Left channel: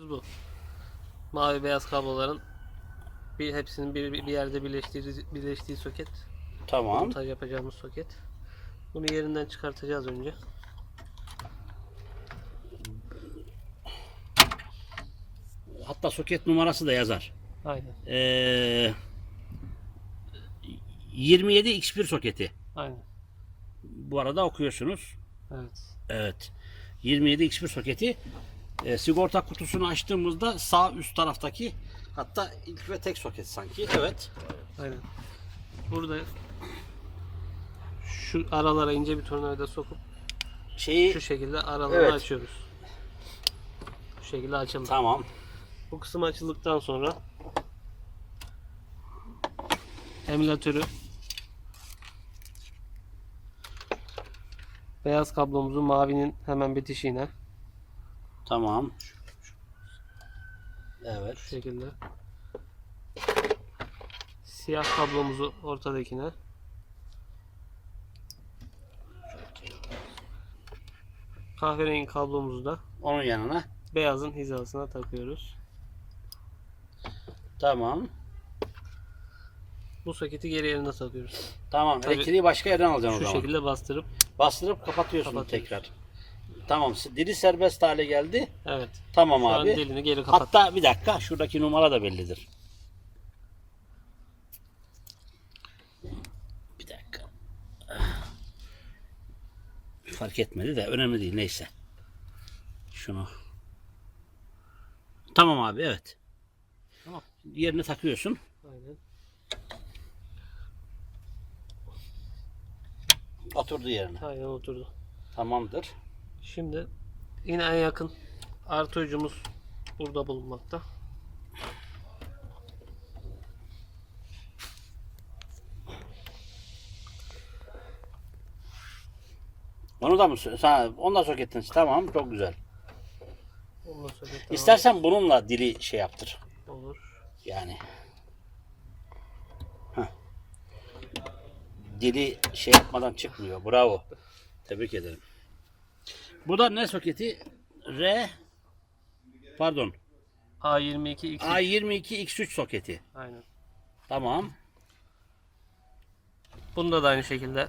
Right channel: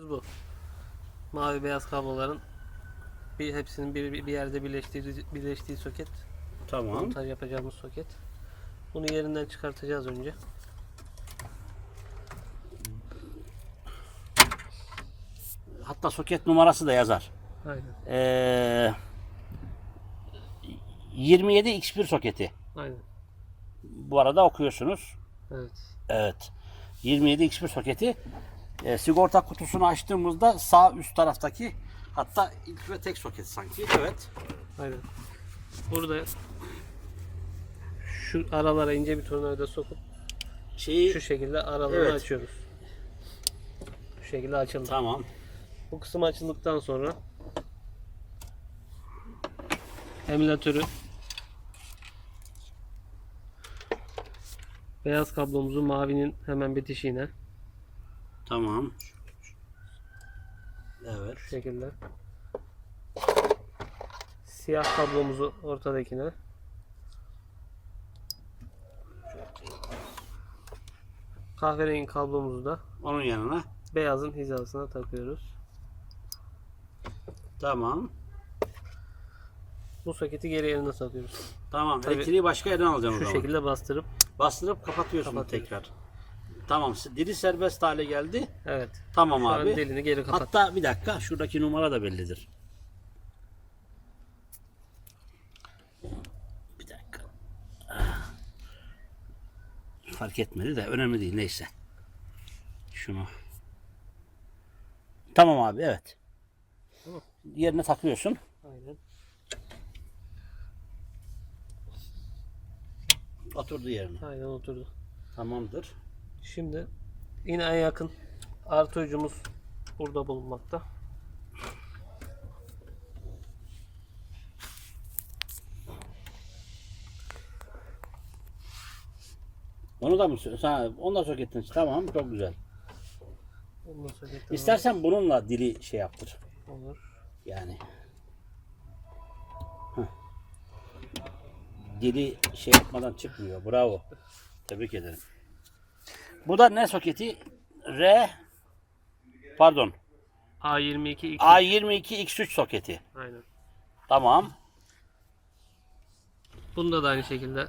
bu. Mavi beyaz kabloların bir hepsinin bir, bir yerde birleştiği birleştiği soket. Tamam. Montaj yapacağımız soket. Bunu yerinden çıkartacağız önce. Hatta soket numarası da yazar. Aynen. Ee, 27 X1 soketi. Aynen. Bu arada okuyorsunuz. Evet. Evet. 27 X1 soketi. Ee, sigorta kutusunu açtığımızda sağ üst taraftaki hatta ilk ve tek soket sanki. Evet. Aynen. Burada şu aralara ince bir tornavida sokup Şeyi şu şekilde aralarını Evet. açıyoruz. Bu şekilde açıldı. tamam. Bu kısım açıldıktan sonra emülatörü beyaz kablomuzu mavinin hemen bitişiğine Tamam. Evet. şu şekilde siyah kablomuzu ortadakine kahverengi kablomuzu da Onun yanına. beyazın hizasına takıyoruz. Tamam. Bu soketi geri yerine takıyoruz. Tamam. Tabii- Elektriği başka yerden alacaksın Şu o zaman. şekilde bastırıp Bastırıp kapatıyorsun Kapatıyoruz. tekrar. Tamam. Dili serbest hale geldi. evet. Tamam Şu an abi. dilini geri kapat. Hatta bir dakika şuradaki numara da bellidir. Bir dakika. Fark etmedi de önemli değil neyse. Şunu. Tamam abi evet. Tamam. Yerine takıyorsun. Aynen. Oturdu yerine. Aynen oturdu. Tamamdır. Şimdi yine en yakın artı ucumuz burada bulunmakta. Onu da mı sen onu da sokettin. Tamam çok güzel. Onu da soketten İstersen bununla dili şey yaptır. olur. Yani. Heh. Dili şey yapmadan çıkmıyor. Bravo. Tebrik ederim. Bu da ne soketi? R pardon. A22 2. A22 X3 soketi. Aynen. Tamam. Bunda da aynı şekilde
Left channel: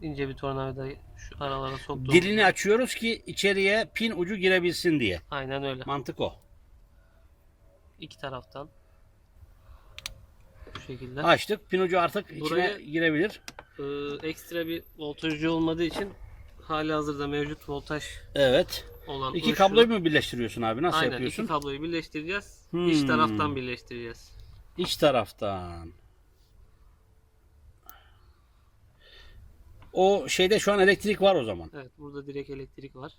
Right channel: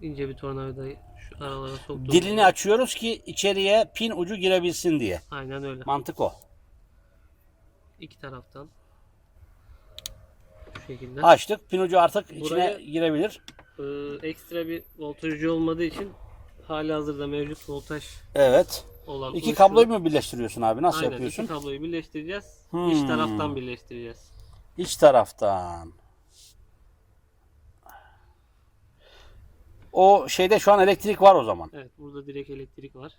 ince bir tornavidayı şu aralara soktuğumuz Dilini açıyoruz ki içeriye pin ucu girebilsin diye. Aynen öyle. Mantık o. İki taraftan. Şu şekilde. Açtık. Pin ucu artık Buraya- içine girebilir. Ee, ekstra bir voltajcı olmadığı için hali hazırda mevcut voltaj Evet. olan İki kabloyu mu birleştiriyorsun abi? Nasıl Aynen yapıyorsun? iki kabloyu birleştireceğiz. Hmm. İç taraftan birleştireceğiz. İç taraftan. O şeyde şu an elektrik var o zaman. Evet burada direkt elektrik var.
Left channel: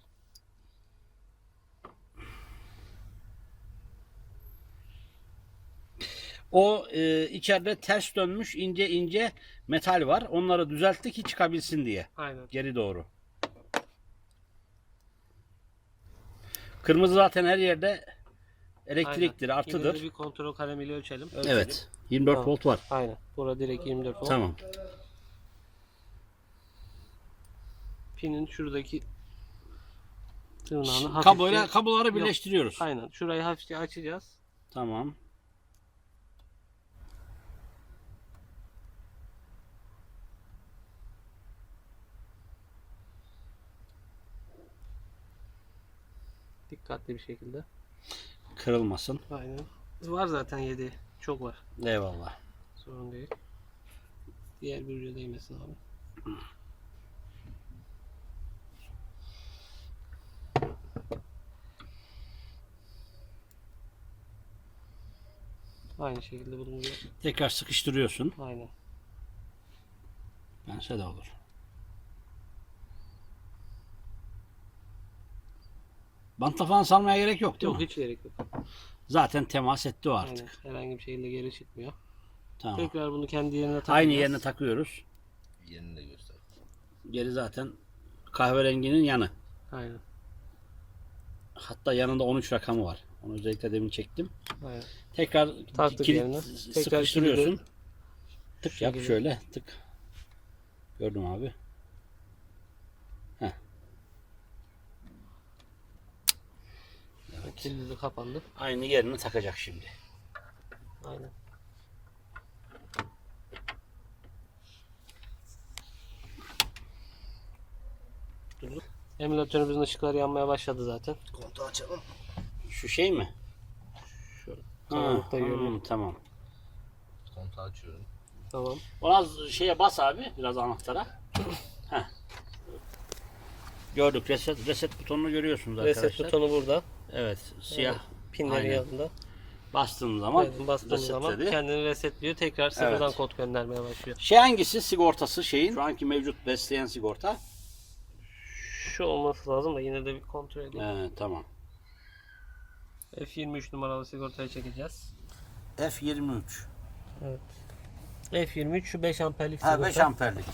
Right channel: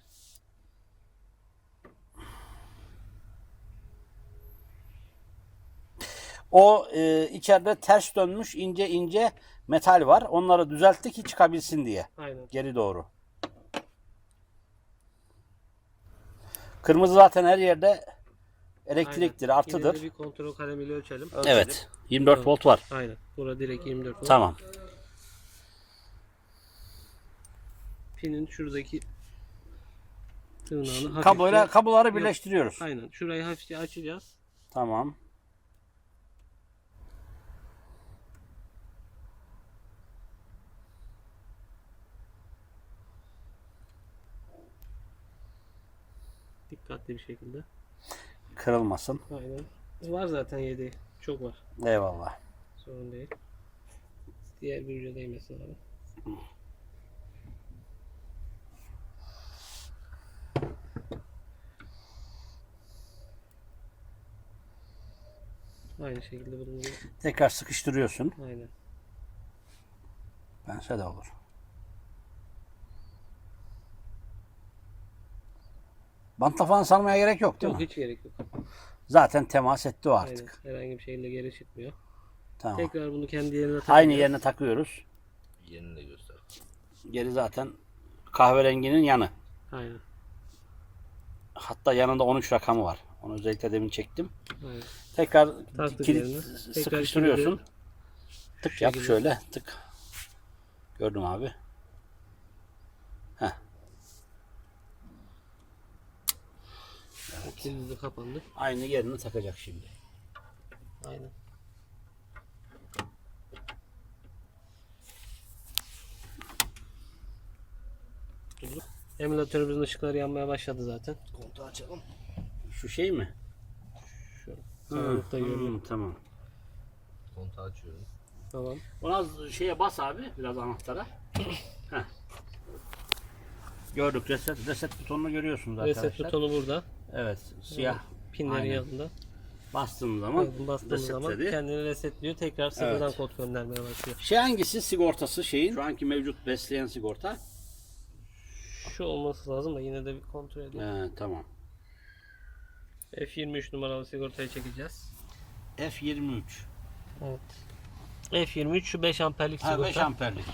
O e, içeride ters dönmüş ince ince metal var. Onları düzeltti ki çıkabilsin diye. Aynen. Geri doğru. Kırmızı zaten her yerde elektriktir, Aynen. artıdır. Yine bir kontrol kalemiyle ölçelim. Ölçelim. Evet. 24 Tamam. volt var. Aynen. Burada direkt 24 volt. Tamam. Pinin şuradaki tırnağını hafifçe Kabloyla kabloları birleştiriyoruz. Aynen. Şurayı hafifçe açacağız. Tamam. Dikkatli bir şekilde. Kırılmasın. Aynen. Var zaten 7. Çok var. Eyvallah. Sorun değil. Diğer bir uca değmesin abi. Aynı şekilde bunu Tekrar sıkıştırıyorsun. aynen. Bense de olur. Bantla falan sarmaya gerek yok değil Yok mi? hiç gerek yok. Zaten temas etti o Aynen. artık. Herhangi bir şekilde geri çıkmıyor. Tamam. Tekrar bunu kendi yerine takacağız. Aynı yerine takıyoruz. Yerini de göster. Geri zaten kahverenginin yanı. Aynen. Hatta yanında 13 rakamı var. Onu özellikle demin çektim. Aynen. Tekrar Taktık kilit yerine. Tekrar sıkıştırıyorsun. Tık yap şöyle tık. Gördüm abi. Heh. Evet. Kilidi kapandı. Aynı yerini takacak şimdi. Aynen. Durduk. Emülatörümüzün ışıkları yanmaya başladı zaten. Kontağı açalım. Şu şey mi? Şöyle. Ha, hmm, tamam. Kontağı açıyorum. Tamam. Biraz şeye bas abi, biraz anahtara. Heh. Gördük, reset, reset butonunu görüyorsunuz arkadaşlar. Reset butonu burada. Evet, siyah. Pinlerin Aynen. yanında. Bastığın zaman Evet, bastığınız zaman resetledi. kendini resetliyor. Tekrar sıfırdan Evet. kod göndermeye başlıyor. Şey hangisi sigortası şeyin? Şu anki mevcut besleyen sigorta. Şu olması lazım da yine de bir kontrol edeyim. He, tamam. F23 numaralı sigortayı çekeceğiz. F23. F23 şu 5 amperlik Ha sigorta. 5 amperlik.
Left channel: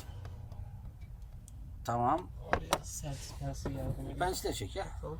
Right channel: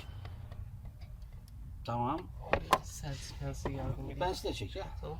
Tamam. Ben size çek ya. Tamam.